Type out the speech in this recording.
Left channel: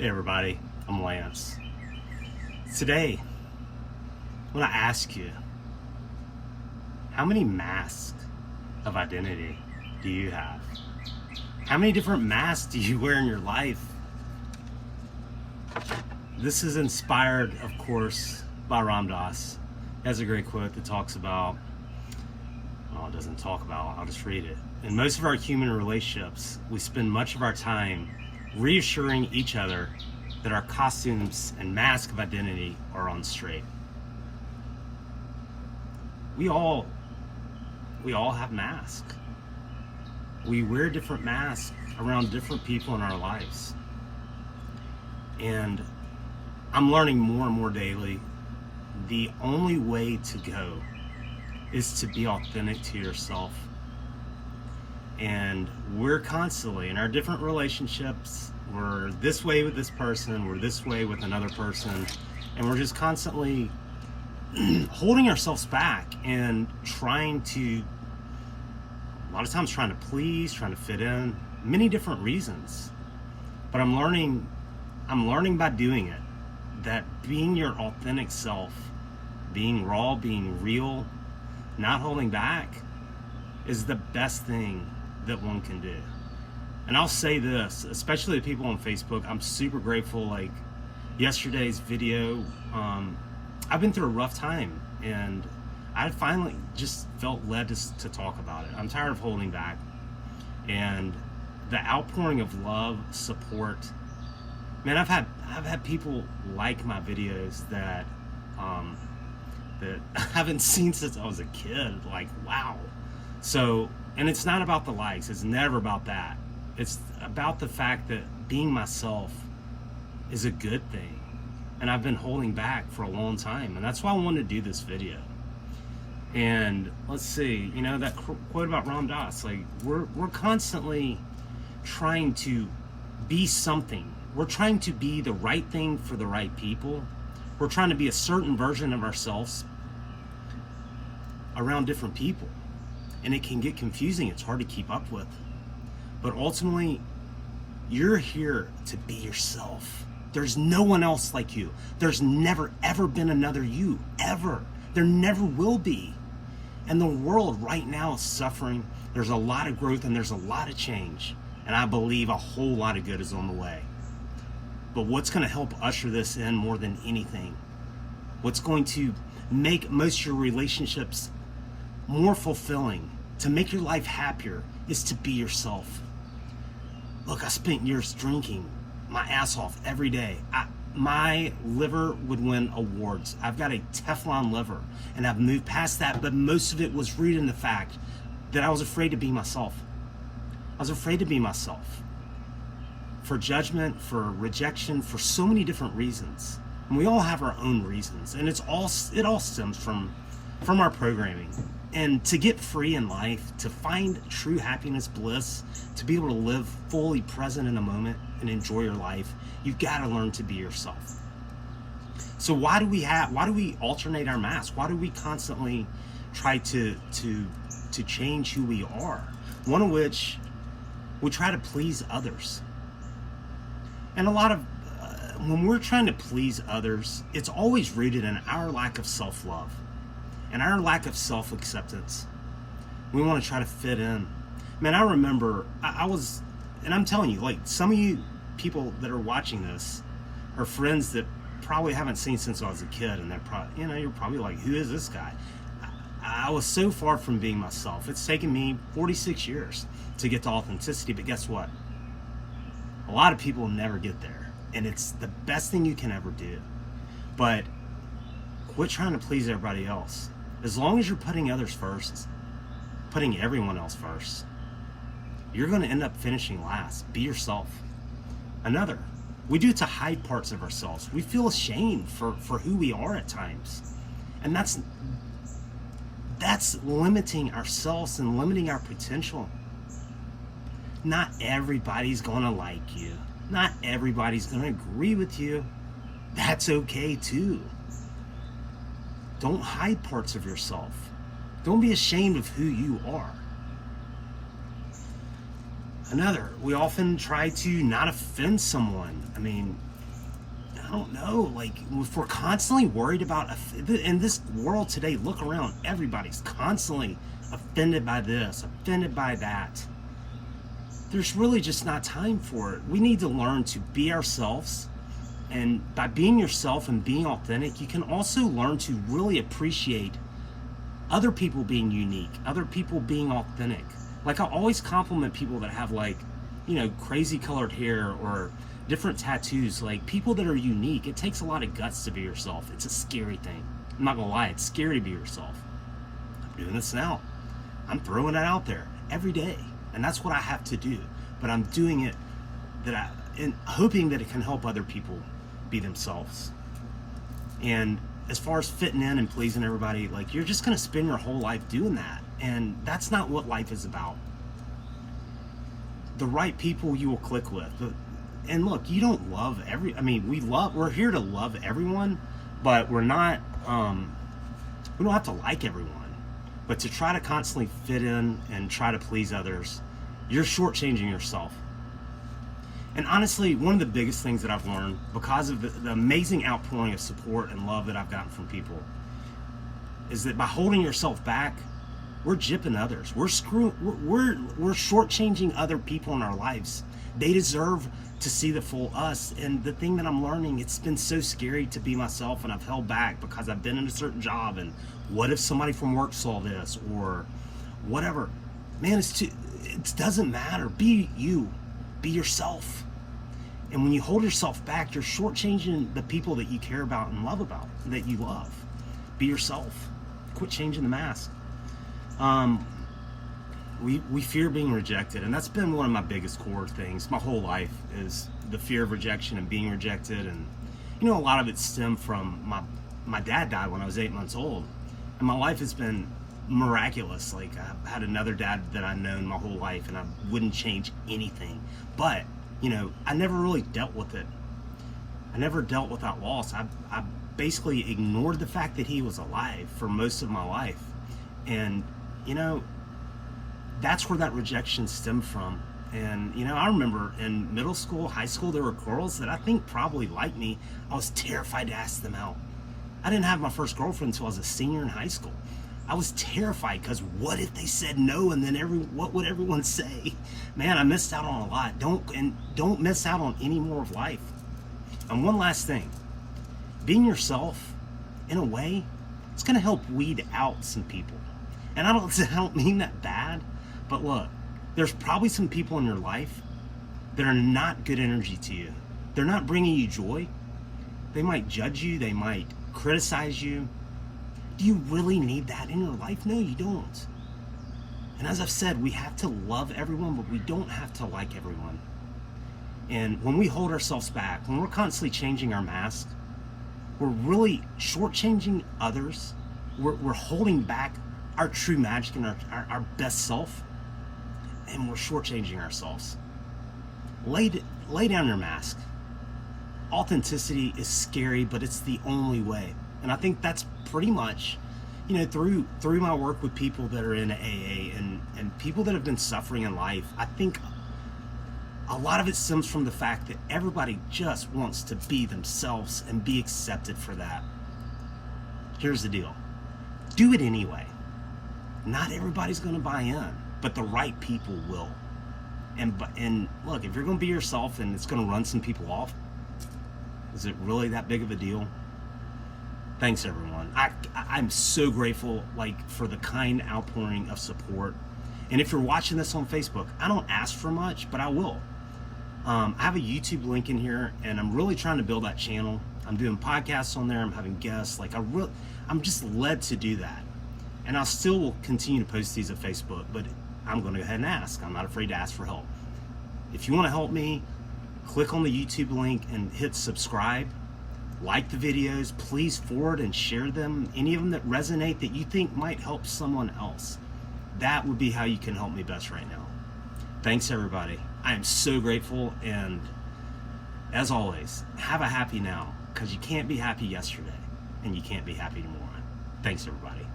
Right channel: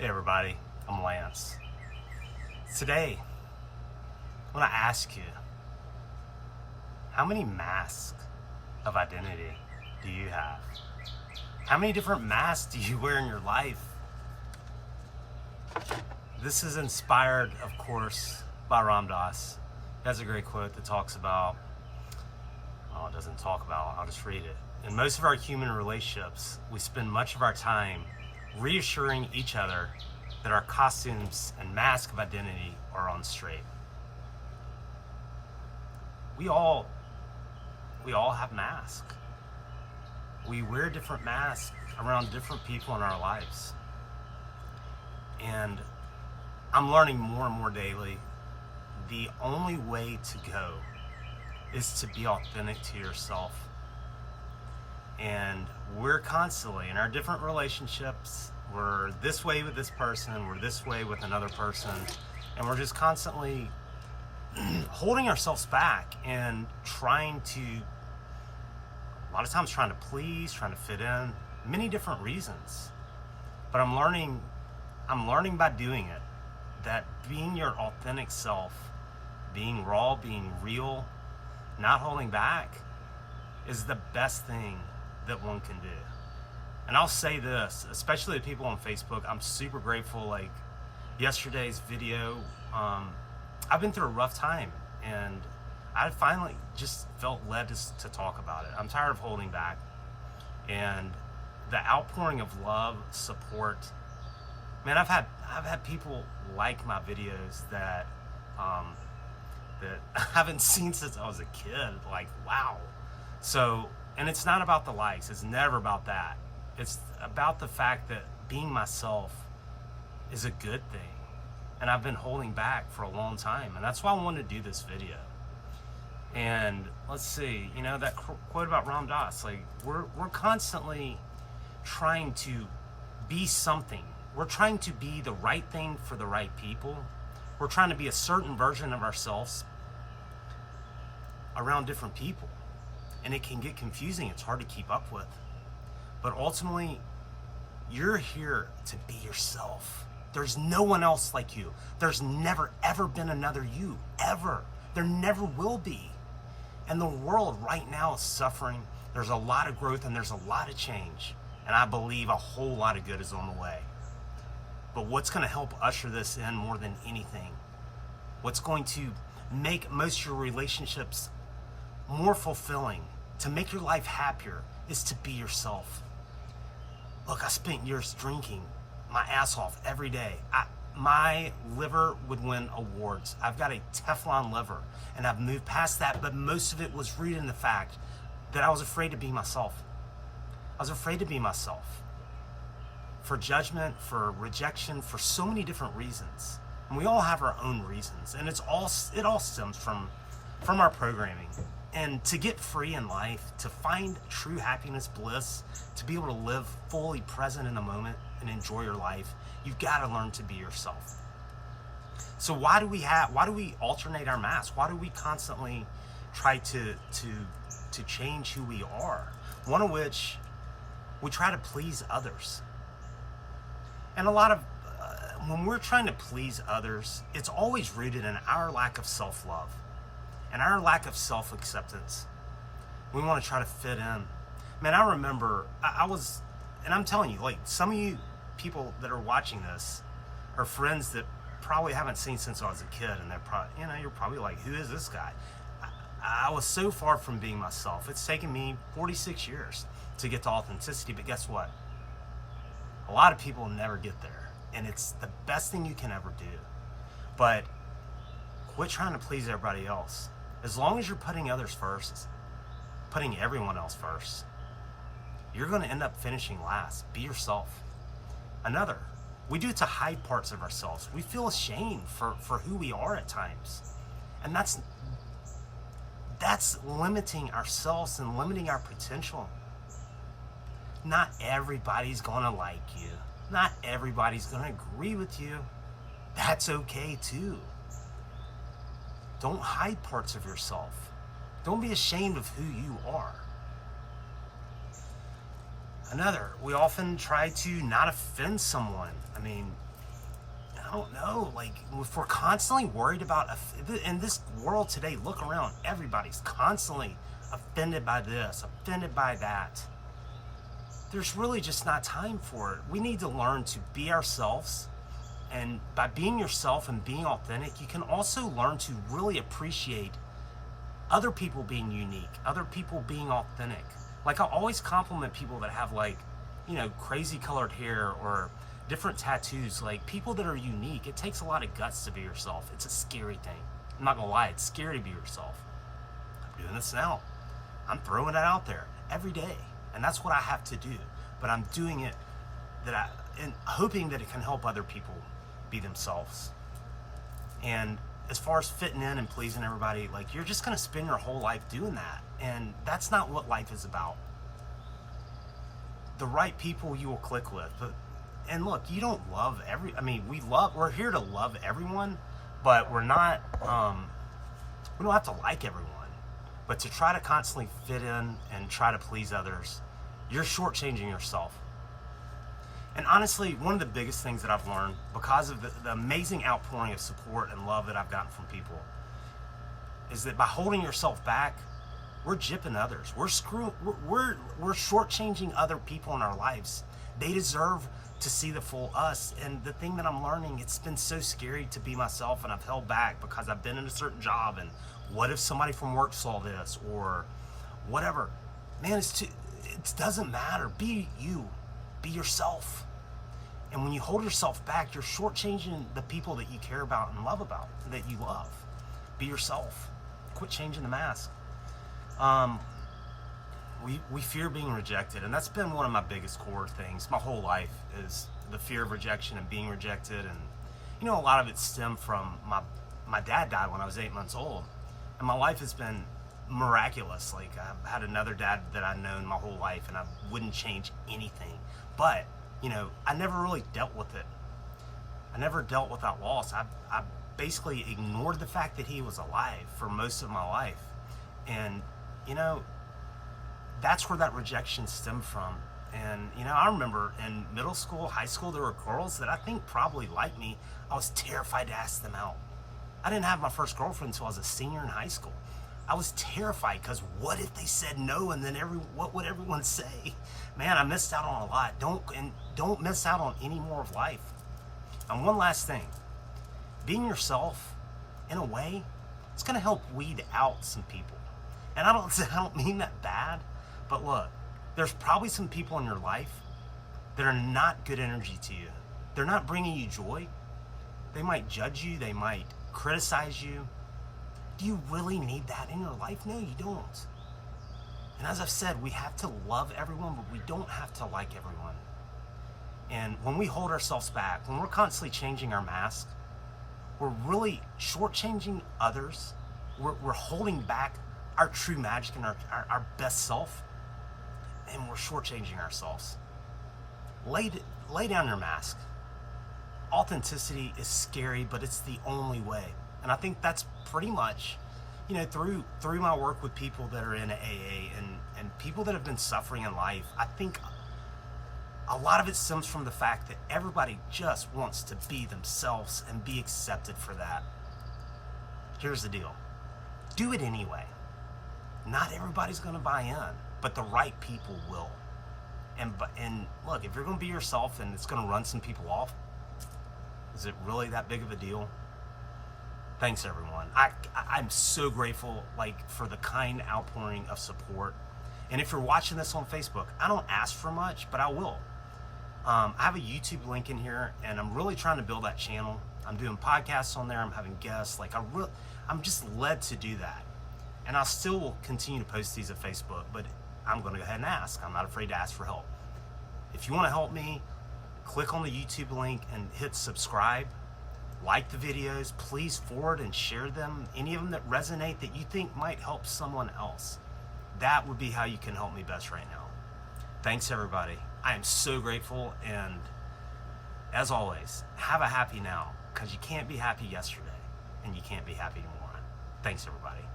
Hey everybody, I'm Lance. Today, I want to ask you, how many masks of identity do you have? How many different masks do you wear in your life? This is inspired, of course, by Ram Dass. He has a great quote that talks about, well, it doesn't talk about, I'll just read it. In most of our human relationships, we spend much of our time reassuring each other that our costumes and masks of identity are on straight. We all have masks. We wear different masks around different people in our lives. And I'm learning more and more daily, the only way to go is to be authentic to yourself. And we're constantly in our different relationships, we're this way with this person, we're this way with another person, and we're just constantly holding ourselves back and trying to, a lot of times trying to please, trying to fit in, many different reasons. But I'm learning by doing it, that being your authentic self, being raw, being real, not holding back, is the best thing that one can do. And I'll say this, especially the people on Facebook, I'm super grateful. Like yesterday's video, I've been through a rough time, and I finally just felt led to talk about it. I'm tired of holding back, and the outpouring of love, support. Man, I've had people like my videos that I haven't seen since I was a kid. Like, wow. So, and it's not about the likes. It's never about that. It's about the fact that being myself is a good thing. And I've been holding back for a long time. And that's why I wanted to do this video. And let's see, you know, that quote about Ram Dass, like we're constantly trying to be something. We're trying to be the right thing for the right people. We're trying to be a certain version of ourselves around different people. And it can get confusing. It's hard to keep up with. But ultimately, you're here to be yourself. There's no one else like you. There's never, ever been another you, ever. There never will be. And the world right now is suffering. There's a lot of growth and there's a lot of change. And I believe a whole lot of good is on the way. But what's going to help usher this in more than anything, what's going to make most of your relationships more fulfilling, to make your life happier, is to be yourself. Look, I spent years drinking my ass off every day. My liver would win awards. I've got a Teflon liver, and I've moved past that, but most of it was rooted in the fact that I was afraid to be myself. I was afraid to be myself. For judgment, for rejection, for so many different reasons. And we all have our own reasons, and it all stems from our programming. And to get free in life, to find true happiness, bliss, to be able to live fully present in the moment and enjoy your life, you've got to learn to be yourself. So why do we alternate our masks? Why do we constantly try to change who we are? One of which, we try to please others. And a lot of, when we're trying to please others, it's always rooted in our lack of self-love and our lack of self-acceptance. We want to try to fit in. Man, I remember, I was, and I'm telling you, like, some of you people that are watching this are friends that probably haven't seen since I was a kid, and they're probably, you know, you're probably like, who is this guy? I was so far from being myself. It's taken me 46 years to get to authenticity, but guess what? A lot of people never get there, and it's the best thing you can ever do. But quit trying to please everybody else. As long as you're putting others first, putting everyone else first, you're going to end up finishing last. Be yourself. Another, we do it to hide parts of ourselves. We feel ashamed for who we are at times. And that's limiting ourselves and limiting our potential. Not everybody's going to like you. Not everybody's going to agree with you. That's okay too. Don't hide parts of yourself. Don't be ashamed of who you are. Another, we often try to not offend someone. I mean, I don't know, like if we're constantly worried about, in this world today, look around, everybody's constantly offended by this, offended by that. There's really just not time for it. We need to learn to be ourselves. And by being yourself and being authentic, you can also learn to really appreciate other people being unique, other people being authentic. Like I always compliment people that have like, you know, crazy colored hair or different tattoos, like people that are unique. It takes a lot of guts to be yourself. It's a scary thing. I'm not gonna lie, it's scary to be yourself. I'm doing this now. I'm throwing it out there every day. And that's what I have to do. But I'm doing it and hoping that it can help other people be themselves. And as far as fitting in and pleasing everybody, like you're just gonna spend your whole life doing that. And that's not what life is about. The right people you will click with. And look, you don't love we're here to love everyone, but we're not, we don't have to like everyone. But to try to constantly fit in and try to please others, you're shortchanging yourself. And honestly, one of the biggest things that I've learned because of the amazing outpouring of support and love that I've gotten from people is that by holding yourself back, we're gypping others. We're shortchanging other people in our lives. They deserve to see the full us. And the thing that I'm learning, it's been so scary to be myself, and I've held back because I've been in a certain job, and what if somebody from work saw this or whatever. Man, it doesn't matter. Be you, be yourself. And when you hold yourself back, you're shortchanging the people that you care about and love about, that you love. Be yourself. Quit changing the mask. We fear being rejected, and that's been one of my biggest core things my whole life, is the fear of rejection and being rejected. And you know, a lot of it stemmed from my dad died when I was 8 months old, and my life has been miraculous. Like I've had another dad that I've known my whole life, and I wouldn't change anything. But you know, I never really dealt with it. I never dealt with that loss. I basically ignored the fact that he was alive for most of my life. And you know, that's where that rejection stemmed from. And you know, I remember in middle school, high school, there were girls that I think probably liked me. I was terrified to ask them out. I didn't have my first girlfriend until I was a senior in high school. I was terrified because what if they said no, and then what would everyone say? Man, I missed out on a lot. Don't miss out on any more of life. And one last thing, being yourself, in a way, it's gonna help weed out some people. And I don't mean that bad, but look, there's probably some people in your life that are not good energy to you. They're not bringing you joy. They might judge you, they might criticize you. Do you really need that in your life? No, you don't. And as I've said, we have to love everyone, but we don't have to like everyone. And when we hold ourselves back, when we're constantly changing our mask, we're really shortchanging others. We're holding back our true magic and our best self, and we're shortchanging ourselves. Lay down your mask. Authenticity is scary, but it's the only way. And I think that's pretty much, you know, through my work with people that are in AA and people that have been suffering in life, I think a lot of it stems from the fact that everybody just wants to be themselves and be accepted for that. Here's the deal. Do it anyway. Not everybody's going to buy in, but the right people will. And look, if you're going to be yourself and it's going to run some people off, is it really that big of a deal? Thanks, everyone. I'm so grateful, like, for the kind outpouring of support. And if you're watching this on Facebook, I don't ask for much, but I will. I have a YouTube link in here, and I'm really trying to build that channel. I'm doing podcasts on there. I'm having guests. Like, I'm just led to do that. And I still will continue to post these at Facebook, but I'm going to go ahead and ask. I'm not afraid to ask for help. If you want to help me, click on the YouTube link and hit subscribe. Like the videos, please forward and share them. Any of them that resonate that you think might help someone else. That would be how you can help me best right now. Thanks, everybody. I am so grateful, and as always, have a happy now, because you can't be happy yesterday and you can't be happy tomorrow. Thanks, everybody.